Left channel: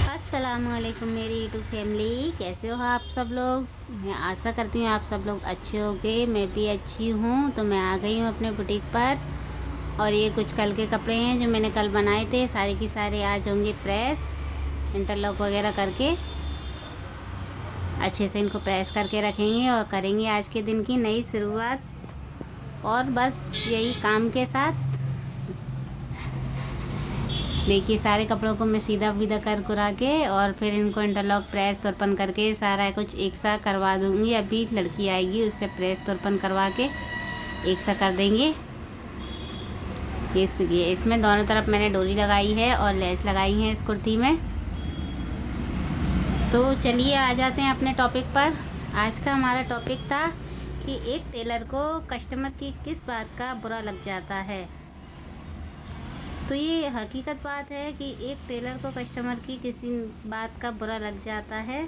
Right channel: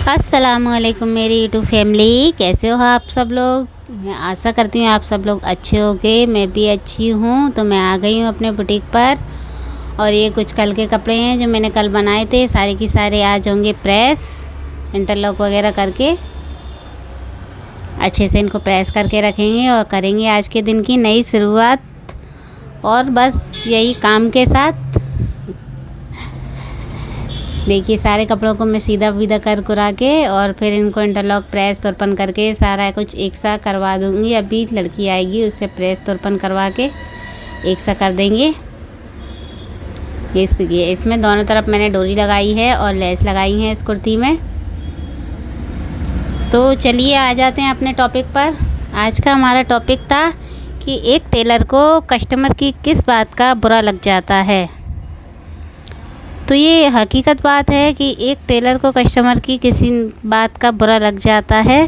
अस्सलामुअलैकुम मेरी YouTube family, कैसे हो आप सब लोग। मैं आशा करती हूँ आप सब लोग अच्छे होंगे। मैं भी अच्छी हूँ। तो मैं आ गई हूँ अपने बुटीक पर और ये कुछ कल के कपड़े हैं जो मैंने कल बनाए थे। सारे के सारे आज होंगे प्रेस, इंटरलॉक वगैरह करके अच्छे से इनको प्रेस करके रखेंगे और करेंगे आज के दिन की नई शुरुआत। और बस यही काम के साथ देखिए सारे कपड़ों को मैं सीधा विदा कर कुरा के और फिर इनको इंटरलॉक प्रेस तुरपन करके सारा कुछ एक सा करवा दूँगी। अभी लड़की आएगी, उससे प्रेस तुरपन करवा के एक सा कर देंगे। ये इसमें दोनों तरफ मैंने डोरी लगाई है और लेस लगाई है इस कुर्ती में। तो चलिए आ जाते हैं अपने टॉपिक पर। आज का हमारा टॉपिक था कि एक टेलर को कस्टमर की किस बात का बुरा लग जाता है। तो ये हकीकत बात है कि एक टेलर को कस्टमर की किसी बात का बुरा लग जाता है।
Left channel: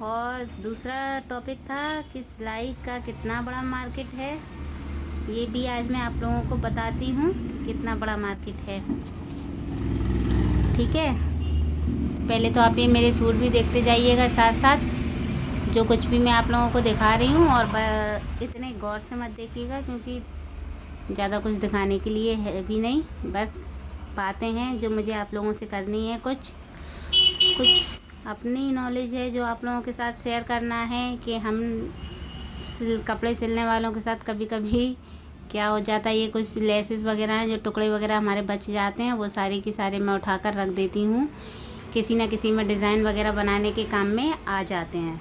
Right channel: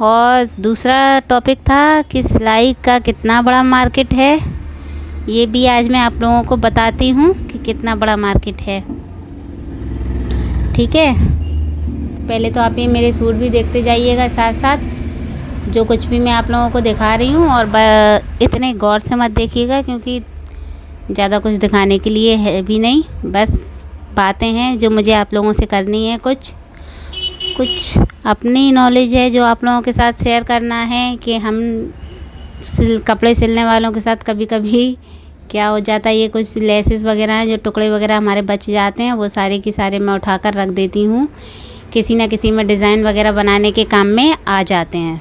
और दूसरा टॉपिक था कि सिलाई का कितना बड़ा मार्केट है। ये भी आज मैं आप लोगों को बताती हूँ कि कितना बड़ा मार्केट है। ठीक है, पहले तो आप ये मेरे सूट भी देखते जाइएगा साथ साथ, जो कुछ भी मैं आप लोगों को दिखा रही हूँ। और इतने गौर से मत देखिएगा क्योंकि ज़्यादा कुछ दिखाने के लिए है भी नहीं, बस बातें हैं जो मुझे आप लोगों से करनी है। कुछ अपनी नॉलेज है जो आप लोगों के साथ शेयर करना है कि हम कपड़े सिलने वालों के साथ कभी कभी क्या हो जाता है, ये कुछ लेसेस वगैरह हैं जो टुकड़े वगैरह हमारे बच जाते हैं, वो सारे के सारे मैं उठाकर रख देती हूँ। किसी न किसी में डिज़ाइन वगैरह बनाने के काम में आ जाते हैं।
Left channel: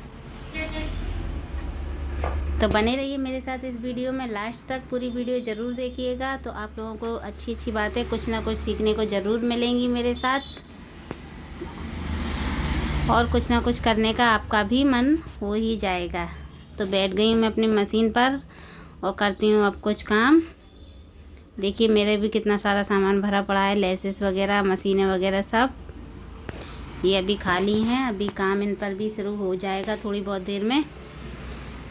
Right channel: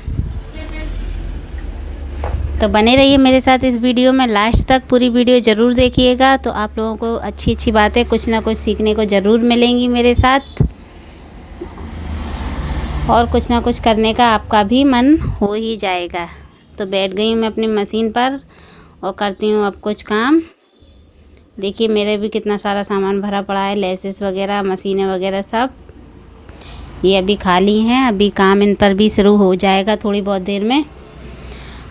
तो बने रहिए मेरे साथ इस वीडियो में, लास्ट तक पूरी वीडियो ज़रूर देखिएगा। तो आप लोगों को अच्छी अच्छी बातें कुछ ना कुछ सीखने को ज़रूर मिलेंगी मेरे साथ, और कुछ ना कुछ करने का आपका भी मन हो ही जाएगा। तो बैठ गई हूँ मैं अपनी मशीन पर और करती हूँ अब कुछ काम। देखिए मेरे भी कितना सारा सामान भरा पड़ा है, लेसेस वगैरह, मशीनें वगैरह सब ये अभी खाली हैं। अभी काम इन पर भी शुरू हो जाएगा थोड़ी बहुत देर में।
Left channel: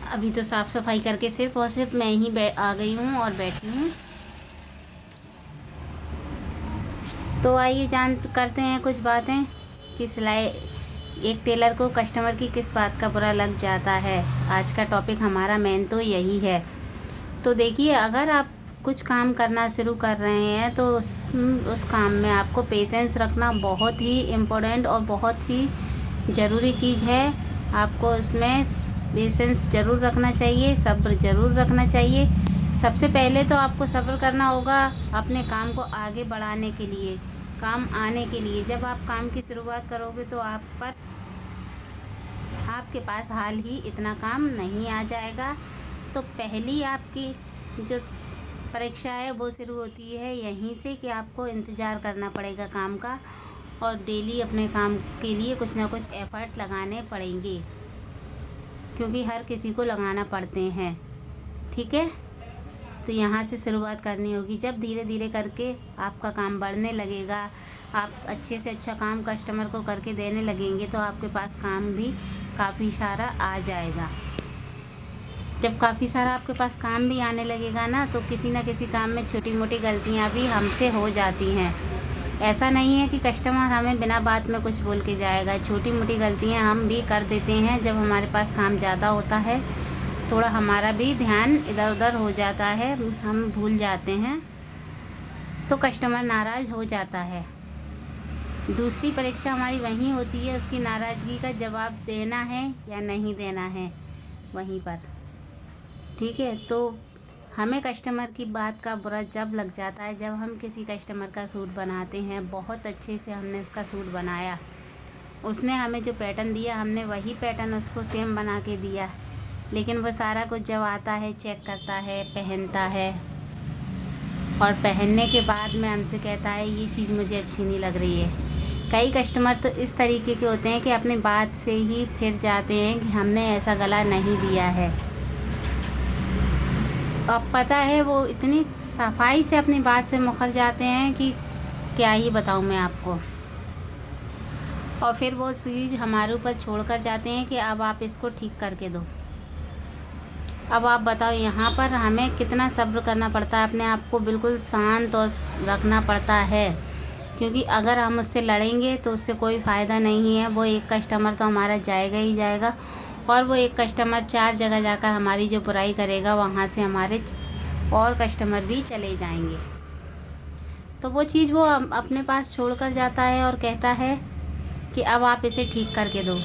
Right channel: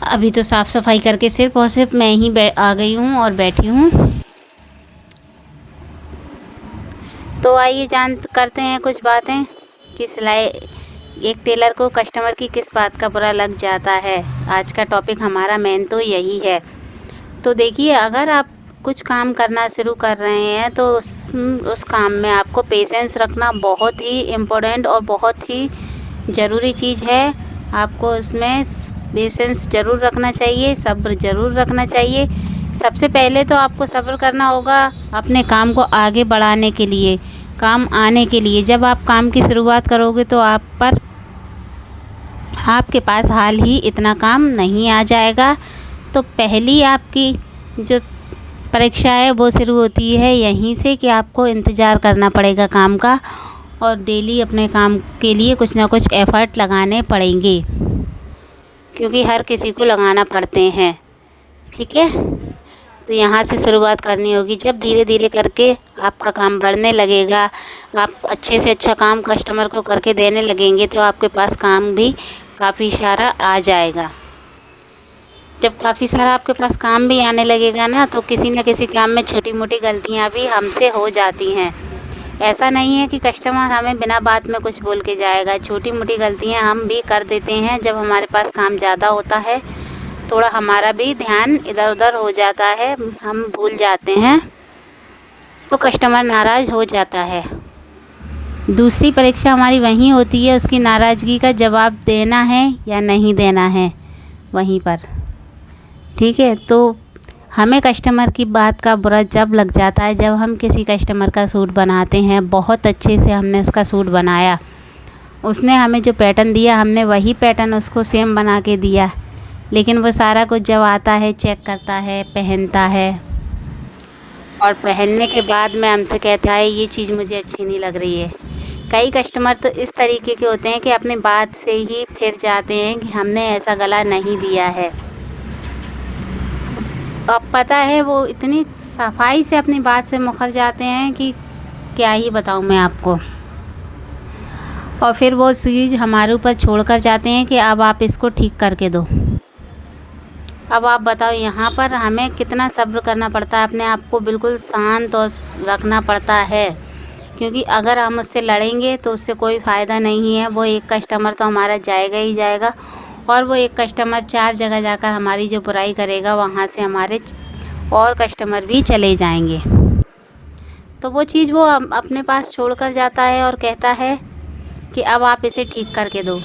अभी तो साफ़ सफाई करके सिर्फ और सिर्फ मैं ही आ गई हूँ और बैठी हूँ। तो आइए करते हैं कुछ बातें कि सिलाई एक टेलर को कस्टमर की किस बात का बुरा लग जाता है। आज का टॉपिक हमारा मेन तो यही है। तो देखिए, अगर आप कुछ काम करना शुरू कर रहे हैं तो उस काम में आपको पेशेंस रखना बहुत ही इम्पोर्टेंट और बहुत ही ज़रूरी चीज़ है। आपको उसमें पेशेंस ज़रूर रखना चाहिए, सब्र ज़रूर रखना चाहिए। सबसे पहले तो आपको सब्र करना होगा अपने काम को आगे बढ़ाने के लिए, काम आने के लिए। जब आप काम की शुरुआत करोगे तो आपके पास हाल ही इतना काम नहीं आ जाएगा। तो पहली आपकी जो परीक्षा है वो शुरू होती है यहीं से कि आपको इंतज़ार करना पड़ेगा काम का, और डेली अपने काम के लिए कुछ ना कुछ एफ़र्ट लगाने पड़ेंगे, क्योंकि हर किसी को लगाना पड़ते हैं। ठीक है, तो यहाँ से शुरुआत करनी होगी। जब धीरे धीरे करके आपका काम बढ़ने लगेगा, आप अच्छे से अच्छा काम कस्टमर को करके देने लगेंगे, तो आपके पास काम भी काफ़ी सारा आ जाएगा। जब काफ़ी सारा आपके पास काम भी आने लगेगा ना, तो किसी न किसी काम में छोटी मोटी गलतियाँ भी हमसे हो जाती हैं। ऐसा नहीं है कि कस्टमर हमें बिना बात में कुछ बोल के जाएगा। छोटी मोटी गलतियाँ हम भी कर देते हैं। जब हमारे पास काम ज़्यादा होता है, थोड़ा हमारा भी ध्यान इधर उधर हो जाता है, हम भूल जाते हैं, तो कस्टमर नाराज़ हो जाता है। दूसरी परीक्षा हमारी वहीं होती है, उसकी नाराज़गी का जवाब देना है या नहीं देना है वहीं पर। ठीक है, तो हमें कस्टमर की बात का बुरा जब लग जाता है, जब हम किसी कस्टमर का सूट बनाते हैं, बहुत अच्छे से हमने उसका सूट बनाया, उसने हमें जो पैटर्न दिया हमने वही पैटर्न उसको सेम बना के दिया, लेकिन वो सारा कुछ जब आता है, चेक करता है, पहनता है, और पहनने के बाद में हमसे कहता है ये चीज़ मुझे अच्छी नहीं लग रही है। कई कस्टमर तो इस तरीके के होते हैं कि अपनी बात से ही फिर जाते हैं कि हमने ऐसा गला नहीं दिया है। अब पता है वो इतनी सफाई से अपनी बात से मुकर जाते हैं कि क्या ही बताऊं मैं आपको। और फिर वो चीज़ हमारे ऊपर छोड़ कर जाते हैं कि अब आप इसको ठीक करके दो। अब आप बताओ, यहाँ पर हमें कितना सब्र करना पड़ता है, अपने आप को बिल्कुल शांत और रखना पड़ता है क्योंकि अगर हम उससे लड़ेंगे तो उससे कोई फ़ायदा नहीं है। वो एक कस्टमर तो हमारा जाएगा ही जाएगा, और वो एक कस्टमर 4 जगह जाकर हमारी जो बुराई करेगा, वहाँ से हमारे और कस्टमर भी चले जाएंगे। तो वो चीज़ वो अपने पास छोड़ कर जाता है और कहता है कि अब आप इसे ठीक करके दो।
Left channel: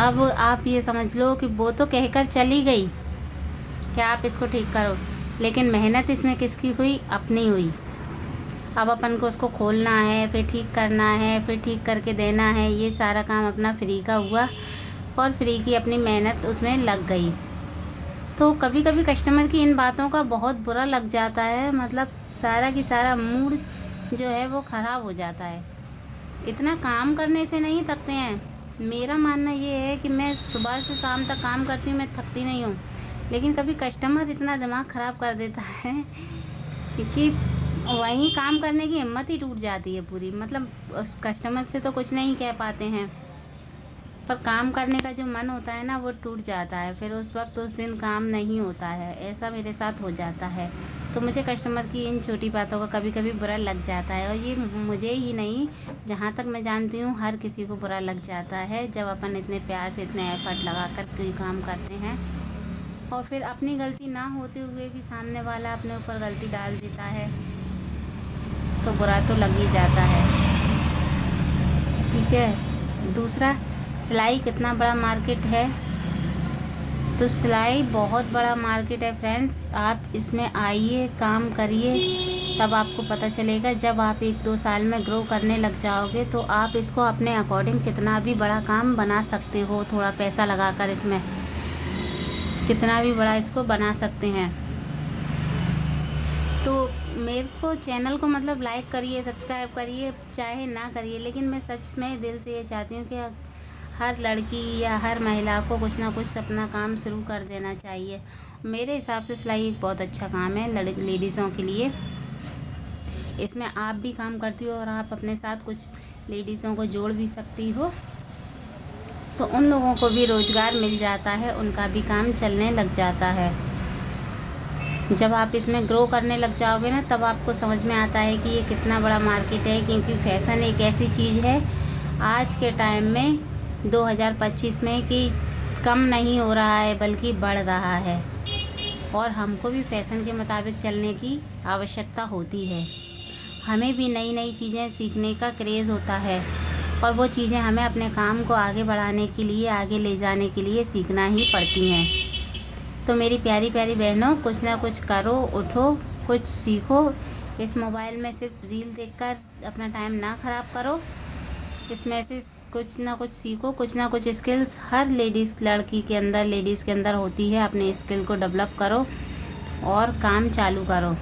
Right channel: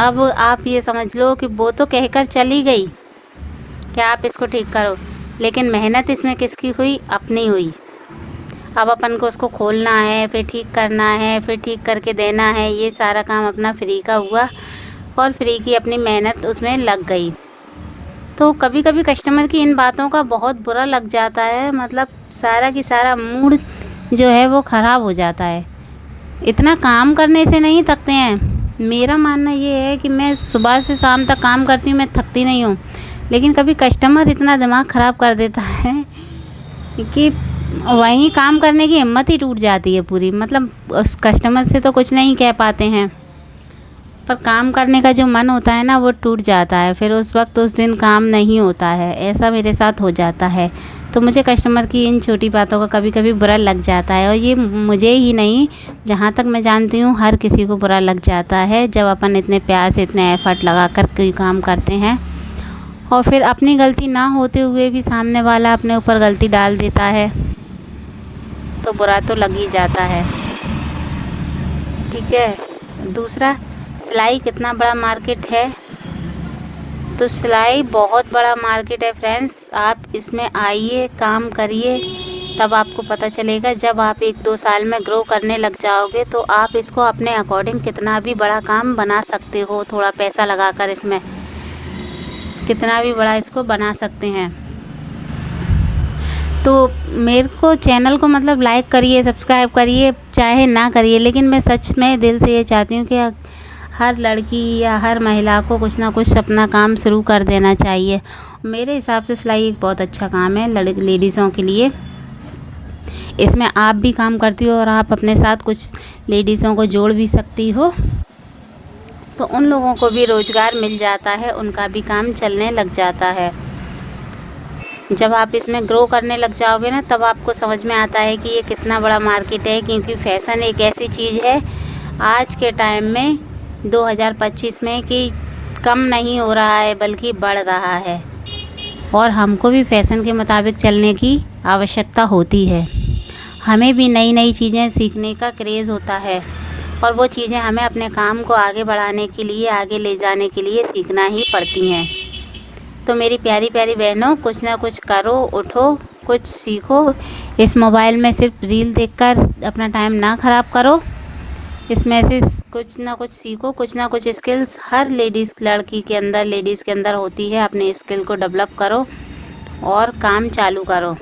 अब आप ये समझ लो कि वो तो कहकर चली गई कि आप इसको ठीक करो, लेकिन मेहनत इसमें किसकी हुई? अपनी हुई। अब अपन को उसको खोलना है, फिर ठीक करना है, फिर ठीक करके देना है। ये सारा काम अपना फ्री का हुआ और फ्री की अपनी मेहनत उसमें लग गई। तो कभी कभी कस्टमर की इन बातों का बहुत बुरा लग जाता है, मतलब सारा की सारा मूड जो है वो ख़राब हो जाता है। इतना काम करने से नहीं थकते हैं। मेरा मानना ये है कि मैं सुबह से शाम तक काम करती हूँ, मैं थकती नहीं हूँ, लेकिन कभी कस्टमर इतना दिमाग ख़राब कर देता है कि वहीं काम करने की हिम्मत ही टूट जाती है पूरी। मतलब उस कस्टमर से तो कुछ नहीं कह पाते हैं, पर काम करने का जो मन होता है ना, वो टूट जाता है। फिर उस वक्त उस दिन काम नहीं होता है। ऐसा मेरे साथ हो जाता है। तो मुझे कस्टमर की इन छोटी बातों का कभी कभी बुरा लग जाता है, और ये मुझे ही नहीं, जहाँ तक मैं जानती हूँ हर किसी को बुरा लग जाता है जब अपन इतने प्यार से, इतने एफ़र्ट लगा कर कोई काम करते हैं और फिर अपनी गलती ना होते हुए भी सामने वाला अपने ऊपर गलती डाल देता है, तो बुरा तो लग ही जाता है। ठीक है। दूसरा, सिलाई कितना बड़ा मार्केट है? तो सिलाई बहुत बड़ा मार्केट है फ्रेंड्स। आप इसमें आइए, काम करिए, तब आपको पता चलेगा। जब आप 1-2 साल में ग्रो करने लग जाओगे तो आप इसको अपने अकॉर्डिंग कितना भी बड़ा काम बना सकते हो। थोड़ा पैसा लगाकर इसमें कितना भी बड़ा इसको बना सकते हैं। तो मेरे को चैनल को मतलब लाइक करिए, सब्सक्राइब करिए, चाहे ना करिए, लेकिन मैं सच में दिल से ये चाहती हूँ कि हर लड़की या हर महिला को कुछ ना कुछ अपना काम शुरू कर देना चाहिए। मेरे हिसाब से सिलाई एक बहुत अच्छा काम है लेडीज़ों के लिए। इसमें आप भी काम करती हो और आप अपने साथ कुछ लेडीज़ों को जोड़ भी सकती हो, तो उन लोगों को भी रोज़गार मिल जाता है, उनका भी काम चलने लग जाता है। जब आप इसमें ग्रो करने लग जाओगे ना, तब आपको समझ में आता है कि ये कितना बड़ा मार्केट है। क्योंकि फ़ैशन एक ऐसी चीज़ है आज के टाइम में 2025 में कि कम नहीं हो रहा है बल्कि बढ़ रहा है, और हमको भी फ़ैशन के मुताबिक चलने की आवश्यकता होती है। हमें भी नई नई चीज़ें सीखने का क्रेज़ होता है, और वो चीज़ें हमें अपने काम को आगे बढ़ाने के लिए, आगे ले जाने के लिए सीखना ही पड़ती हैं। तो मेरी प्यारी प्यारी बहनों, कुछ ना कुछ करो, उठो, कुछ सीखो। इस मोबाइल में सिर्फ रील देखकर अपना टाइम ना ख़राब करो। इसमें से कुछ ना कुछ सीखो, कुछ ना कुछ स्किल्स हर लेडीज़ लेडीज़ के अंदर होती है। अपने स्किल को डेवलप करो और काम चालू करो,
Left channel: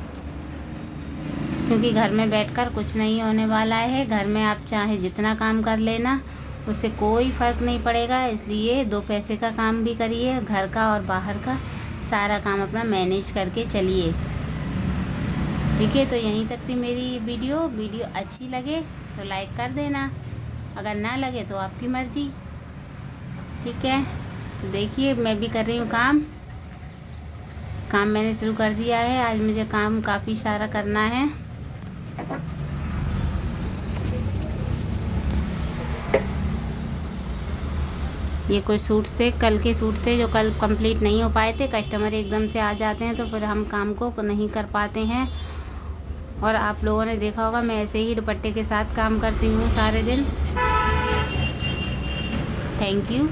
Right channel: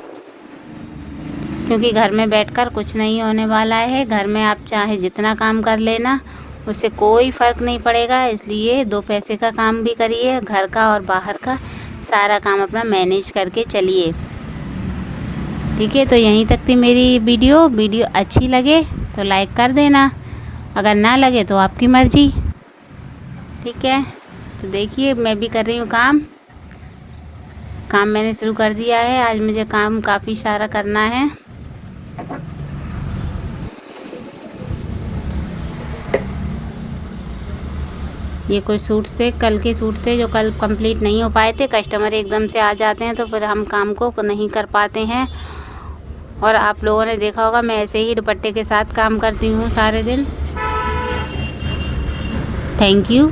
क्योंकि घर में बैठकर कुछ नहीं होने वाला है। घर में आप चाहे जितना काम कर लेना, उससे कोई फ़र्क नहीं पड़ेगा। इसलिए 2 पैसे का काम भी करिए, घर का और बाहर का सारा काम अपना मैनेज करके चलिए। ठीक है। तो यहीं तक थी मेरी वीडियो अच्छी लगे तो लाइक कर देना, अगर ना लगे तो आपकी मर्ज़ी। ठीक है। तो देखिए, मैं भी कर रही हूँ काम मैंने शुरू कर दिया है। आज मुझे काम काफ़ी सारा करना है। ये कुछ सूट थे, कल के सूट थे जो कल कंप्लीट नहीं हो पाए थे। कस्टमर एकदम से आ जाते हैं तो फिर हम काम को नहीं कर पाते हैं। और आप लोगों ने देखा होगा, मैं ऐसे ही दुपट्टे के साथ काम करती हूँ सारे दिन। Thank you.